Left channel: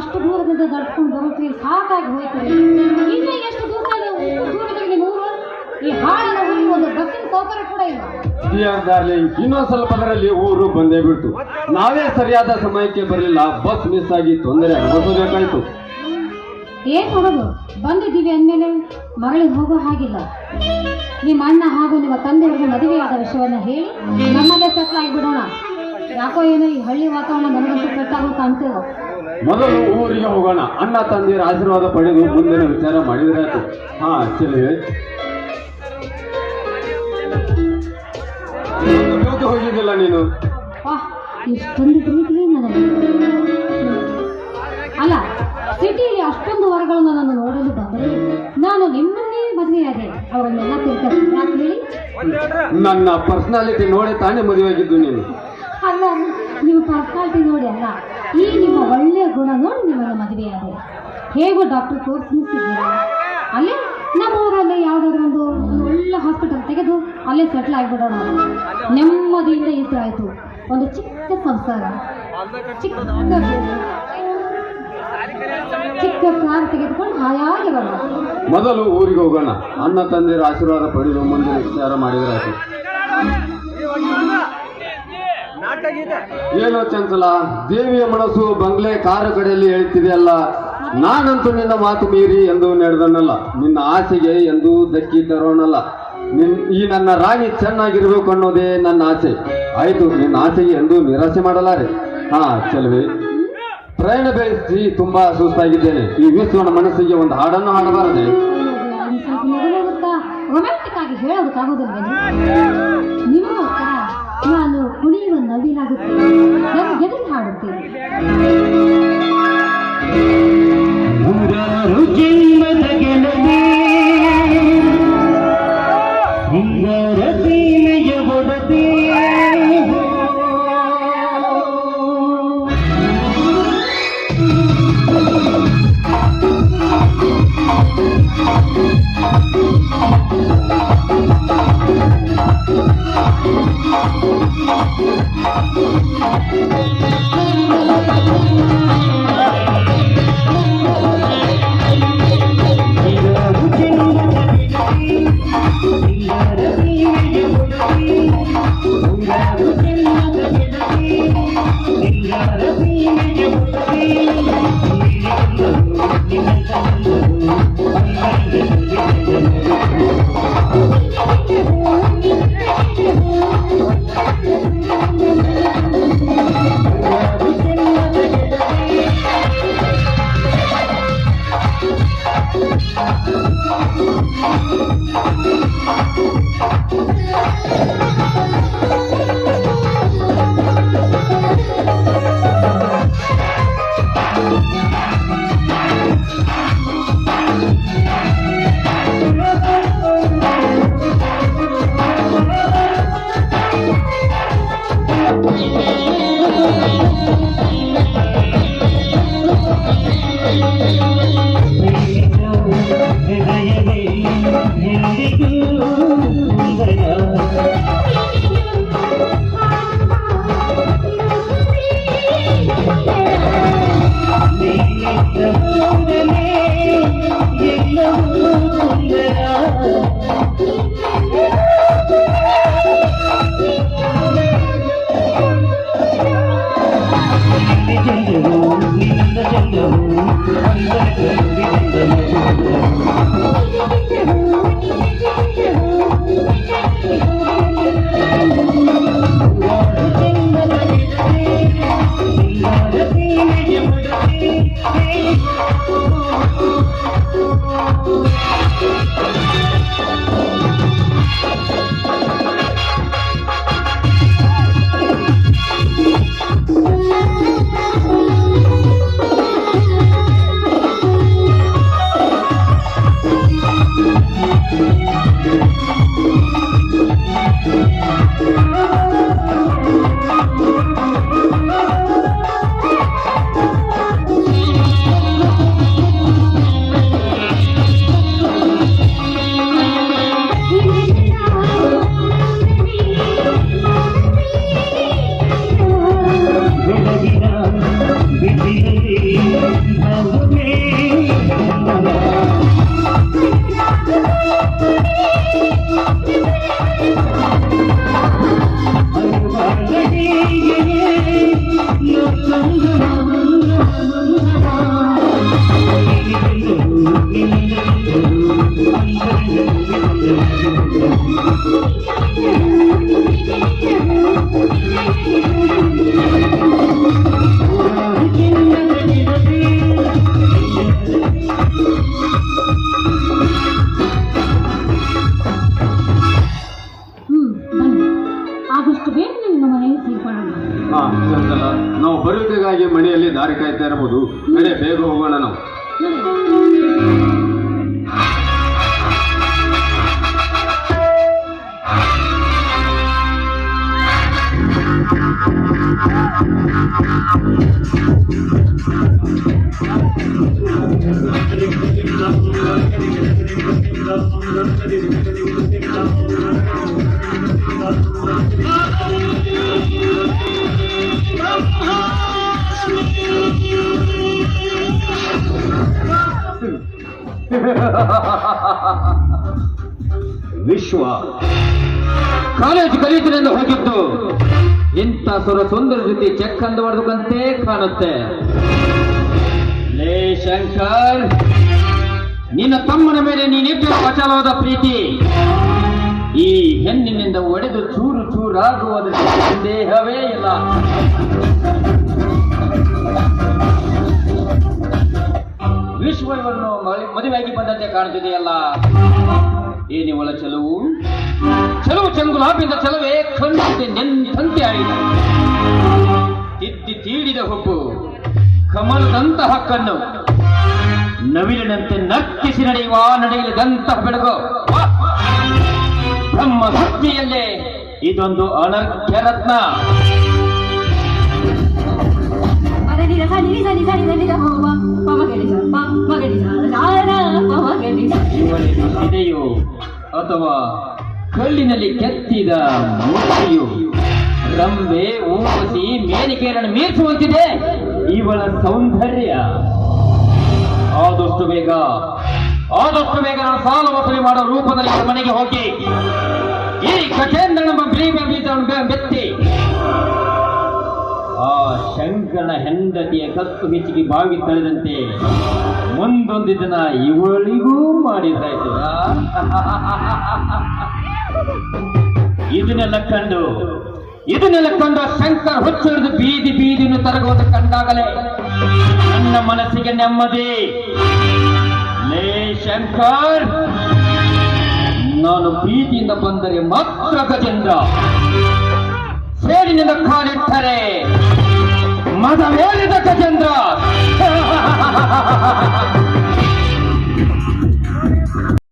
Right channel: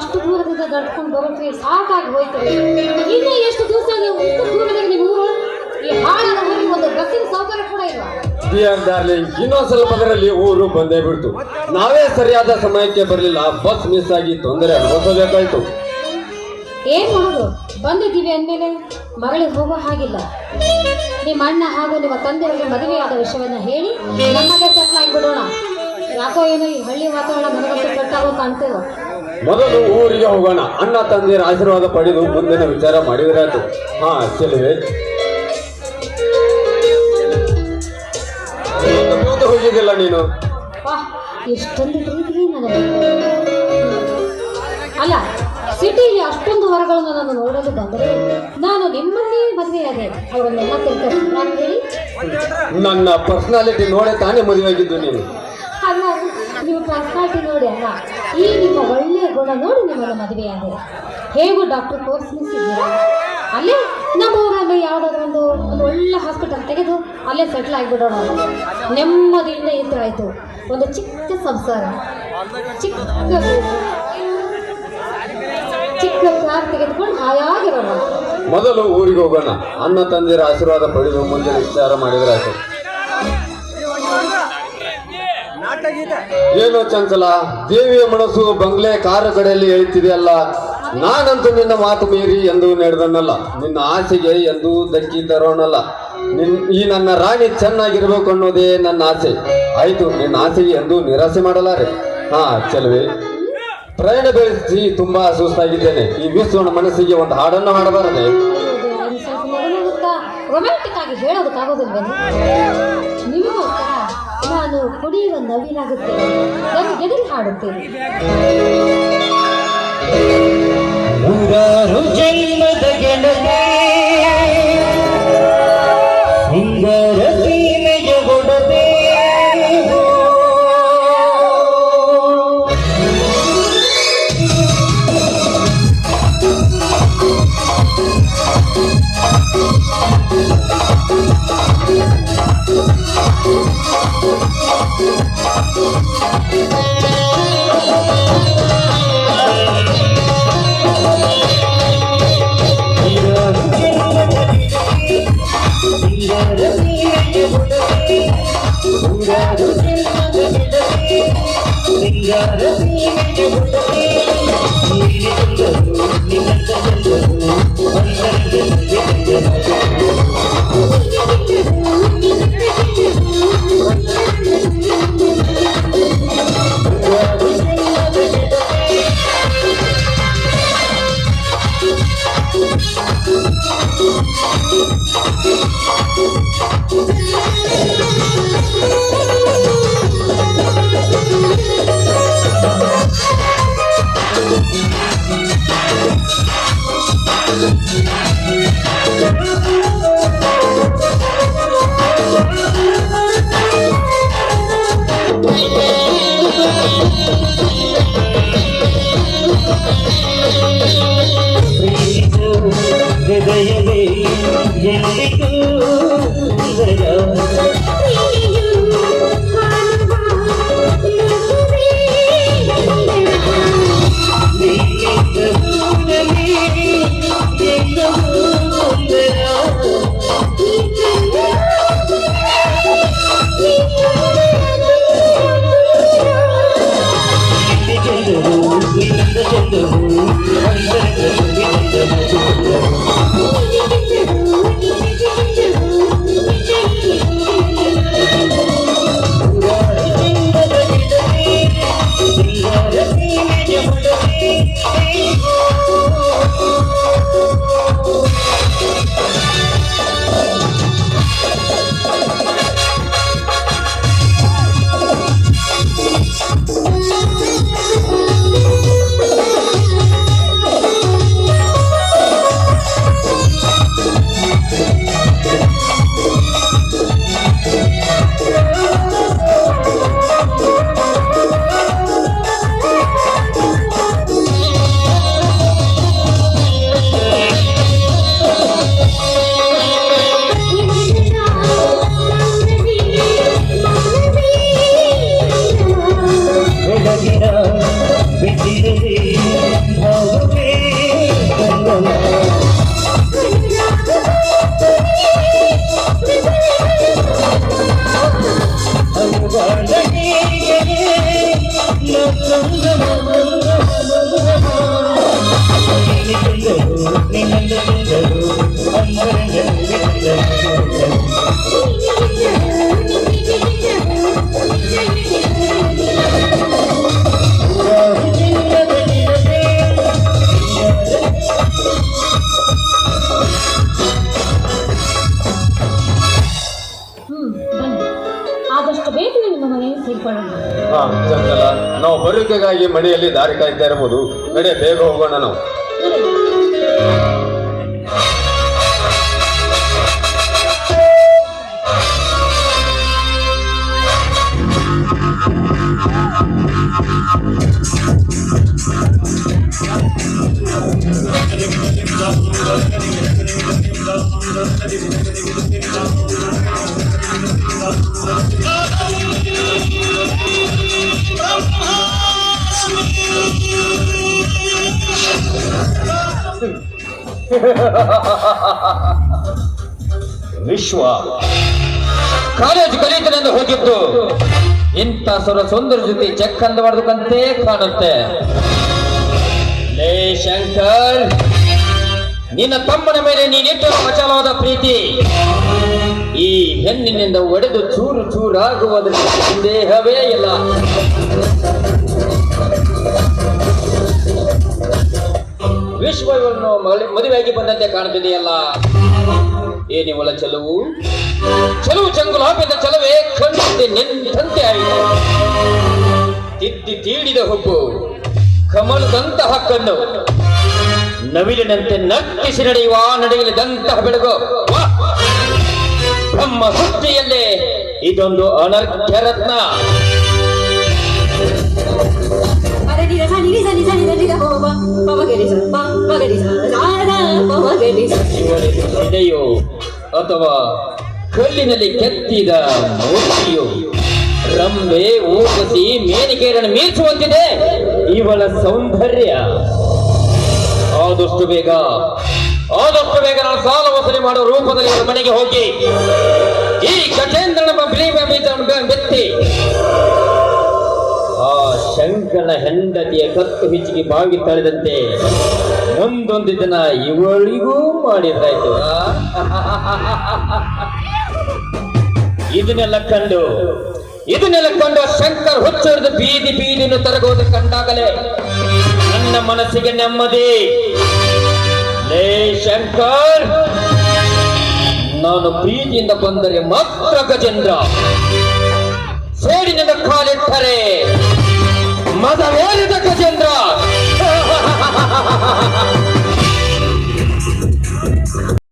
ಅಷ್ಟು ದೂರದಿಂದ ದಡ್ಕೊಂಡು ಬರೋಕೆ ಸಾಕಾಗಿ ಹೋಯ್ತದೆ. ಇನ್ನು ಎಷ್ಟು ದಿವಸ ನೀವು ದೂರದಲ್ಲಿ ನಿಮ್ಮ ಊರು ಈ ಹಾಡಿನ ಊರಿಗೆ ಒಂದು ಬಸ್ಸಿನ ಸೌಕರ್ಯ ಕೂಡ ಇಲ್ಲ. ಡಿಯರ್ ಡಾರ್ಲಿಂಗ್, ಇನ್ನೊಂದು ಸ್ವಲ್ಪದರಲ್ಲಿ ಊರು ಬಂದೇ ಬಿಡ್ತು. ನಾವೇ ಸರಿಯಾದ ಸಮಯಕ್ಕೆ ಬರಲಿಲ್ಲ, ಬಸ್ ಮಿಸ್ ಆಗಿ ತೊಂದರೆ ಅನುಭವಿಸಬೇಕಾಯ್ತು. ಏನ್ ಮಾಡೋದು, ಬಂದಿದ್ದೀವಿ ಅಂದಮೇಲೆ ಮಗಳಿಗೆ ಹೋಗೋ ಹಾಗಿಲ್ಲ. ನಿಮ್ಮ ಅಣ್ಣ ಹಾಗೂ ನಿಮ್ಮ ತಂದೆಯವರಿಗೆ ಮದುವೆಯಾದ ವಿಷಯವನ್ನು ಹೇಳಿ ನಮ್ಮಲ್ಲೇ ಸೆಟ್ ಆಗಿಬಿಡೋಣ. ಯಾಕೋ ಏನೋ ಈ ಹಳ್ಳಿ ವಾತಾವರಣ ನನಗಂತೂ ಕಟ್ಟಾಗೋ ಕಾಣ್ತೇವ. ಮೊದಲು ಊರಿಗೆ ಹೋಗೋಣ, ಅಣ್ಣ ತಂದೆಯರ ಆಶೀರ್ವಾದ ಪಡೆದು ಮುಂದಿನ ವಿಚಾರ ಮಾಡಿದ್ರಾಯ್ತು. ಹಾ ಚೆಲುವೆ, ಕೂತು ಹೋಗಿದ್ದಿಲ್ಲ ನೀನು. ಎಷ್ಟೊಂದು ಪ್ರೀತಿ ನನಗೆ. ಅಲ್ಲ, ಸಿಟಿಯಲ್ಲಿ ಅಷ್ಟೊಂದು ಹೊರಗಳನ್ನು ನಾನು ನೋಡಲು ಬಂದರೆ ನಾನು ನಿಮ್ಮನ್ನೇ ಮದುವೆಯಾದೆ. ಅವರನ್ನೆಲ್ಲ ತಿಳ್ಕಿ ಯಾಕೆ ಹೇಳಿ? ನನ್ನ ಪರ್ಸನಾಲಿಟಿ ನೋಡಿ ತಾನೇ ಮದುವೆಯಾಗಿದ್ದು ನೀನು. ಅಲ್ಲ, ನೀವು ಪರ್ಸನಾಲಿಟಿ ನೋಡಿ ಅಲ್ಲ, ಈ ನಿಮ್ಮ ಒಳ್ಳೆಯ ಗುಣ ನೋಡಿ ನಿಮ್ಮನ್ನು ಮದುವೆಯಾದೆ. ಹೇಗೂ ಡಾಕ್ಟರ್ ಕೋರ್ಸ್ ಮುಗಿಸಿದ್ದೀರಾ, ಅಲ್ಲಿ ನಮ್ಮ ಊರಲ್ಲಿ ಯಾವುದಾದ್ರೂ ಒಂದು ಒಳ್ಳೆ ಹಾಸ್ಪಿಟಲ್ ತೆಗೆದು ಅಲ್ಲೇ ಸೆಟ್ಲ್ ಆಗಿಬಿಡೋಣ. ನೆಮ್ಮದಿಯಿಂದ ಇದ್ರಾಯ್ತು. ಒಂದು ಚಿಕ್ಕ ಸಂಸಾರ, ಚಿಕ್ಕ ಗೂಡು, ಚಿಕ್ಕ ಪ್ಲಾನ್ ತೆಗೆದುಕೊಂಡು ಹಾಯಾಗಿರೋಣ. ಮೊದಲು ಊರಿಗೆ ಹೋಗೋಣ, ಅಣ್ಣ ತಂದೆಯರ ಆಶೀರ್ವಾದ ಪಡೆದು ಮುಂದಿನ ವಿಚಾರ ಮಾಡಿದ್ರಾಯ್ತು. ಏನೋ ಚಂಚಲ, ದೇವಿಯ ಮನಸ್ಸು ಬಂಗ್ಲೆ ಕಾರ ಕಡೆಯಲ್ಲಿ ಹೇಳ್ತಿದೆಯಲ್ಲ. ನಾನಂತೂ ನಿನ್ನ ಮಾತು ಮೀರಿ ಎಂದು ನಡೆದನಲ್ಲ, ನಿನ್ನ ಆಸೆಗೆ ಎಂದು ಧಕ್ಕಿ ತರೋನಲ್ಲ. ಈ ನನ್ನ ರಾಣಿ ಚೆನ್ನಾಗಿರ್ಬೇಕು ಅನ್ನೋದೇ ನನ್ನ ಆಸೆ. ಆಯ್ತು, ನಿನ್ನ ಆಸೆಗೆ ಎಂದು ನಿರಾಸೆ ಮಾಡಲಾರೆ. ಹಾ ಚೆಲುವೆ, ಪ್ರಯಾಣ ಬೆಳೆಸಿ ತುಂಬಾ ಸುಸ್ತಾಗಿದ್ದೇನೆ. ಈ ವಿಶ್ವನ ಮನಸ್ಸಿಗೆ ಒಂದು ಹಾಡನ್ನು ಹಾಡಬಾರದೆ? ರೊಮ್ಯಾಂಟಿಕ್ ಆಗಿ ಹೇಳೋದಕ್ಕಾಗೋದಿಲ್ವೇ? ನಿಮಗೋಸ್ಕರ ನಾನು ಕುಣಿಯುವ ನವಿಲಾಗುತ್ತೇನೆ, ಎದುರು ಹಾಡುತ್ತೇನೆ. ನೂರಾರು ಜನ್ಮದ ಗೆಳತಿ ಸುಂದರ ಸೀಮೆಯ ಒಡದೆ ಬನ್ನಿ, ಆದಷ್ಟು ಬೇಗ ನಿಮ್ಮ ಮನೆಗೆ ಸೇರ್ಕೊಳ್ಳೋಣ. ಹಾ ಚಂಚಲ, ನಾವು ಬರುವಿಕೆಗಾಗಿ ಮನೆಯಲ್ಲಿ ದಾರಿ ಕಾಯ್ತಾ ಇರಬಹುದು. ನಡೆ, ಬೇಗ ಹೋಗೋಣ ನಾವು. ನೋಡಿ. ವಿಶ್ವ ಕಾಲೇಜು ಕಲಿಯುತ್ತನೆಂದು ಹೋಗಿದ್ದು ಇಂಥ ಸುಂದರ ಜೊತೆ ಚೆಕ್ ಅಂದವಾರ್ದಕ್ಕಂತೆ ಕಾಣುತ್ತೆ. ಲೇ ಶಂಕರ್, ನಿನ್ನ ತಮ್ಮನ ಮೇಲೆ ನೀನಿಟ್ಟು ಅಚಲವಾದ ಪ್ರೀತಿ ಈ ಹೆಣ್ಣಿನಿಂದ ಒಡೆದು ಚೂರು ಚೂರಾಗುವುದಕ್ಕೆ ಸಂದೇಹವೇ ಇಲ್ಲ. ವಿಶ್ವ ಇವರನ್ನು ಮದುವೆಯಾಗಿ ಬಂದಂತೆ ಕಾಣುತ್ತಿದೆಯಲ್ಲ. ಏನಿವಳ ಚೆಲುವು ಚಂಗುಲಾಬಿಂದ ಚೆಲುವೆ ಕಣ್ಣಂತೆ ನಿಂತಂತೆ ಆಯಿತು. ತಿದ್ದಿ ತೀಡಿದ ಹುಬ್ಬು, ಕಮಲದಂತಹ ಕಣ್ಣು, ನವಿಲಿನಂತೆ ನರ್ತಿಸಿ ನಡೆಯುವ ನಡೆಯಲಿದಂತಹ ಬೆಳಗು. ಬ್ರಹ್ಮ ಸೃಷ್ಟಿಯಲ್ಲೇ ಇದೊಂದು ಅನರ್ಘ್ಯ ರತ್ನ. ಇವಳಿಗೆ ಇದೆಯೋ ಅಥವಾ ಕಲ್ಲಿನಲ್ಲಿ ಕೆತ್ತಿದ ಮೂರ್ತಿಯು ರಂಬೆ ಊರ್ವಶಿ ಮೇನಿಕೆಯನ್ನು ಮೀರ್ಚುವಂತಿದೆ ಇವಳ ಸೌಂದರ್ಯ. ಆದಷ್ಟು ಬೇಗ ನಾನು ಸಾಲ ವಸೂಲಿ ಮಾಡೋ ರೂಪದಲ್ಲಿ ಅವರ ಮನೆಗೆ ಹೋಗಿ ಈ ಗಜೇಂದ್ರನ ಬೀಜವನ್ನು ಬೆತ್ತಿ ಆ ಶಂಕರನ ಹೆಂಡತಿಯ ಕತ್ತು ಹಿಚ್ಚಿಗೆ ಬಾವಿ ತಳೆದಂತೆ ಮುಂದೊಂದು ದಿನ ಇವಳಿಗೂ ಮಾಡಿದ್ರಾಯ್ತು. ಇದನ್ನೆಲ್ಲ ಕಂಡು ಶಂಕರ್ ಹುಚ್ಚು ಹಿಡಿದು ಬೀದಿಯನ್ನು ತರಗೋದು ಕಂಡಾಗಲೇ ನನ್ನ ಮನಸ್ಸಿಗೆ ನೆಮ್ಮದಿ. ಲೇ ಶಂಕರ್, ನಾನು ಪ್ರೀತಿಯಿಂದ ಬಂದರೆ ಮಾತ್ರ ಗಜೇಂದ್ರ, ಸೇಡಿನಿಂದ ಕಾಲಿಟ್ಟರೆ ಮದವೇರಿದ ಗಜೇಂದ್ರ.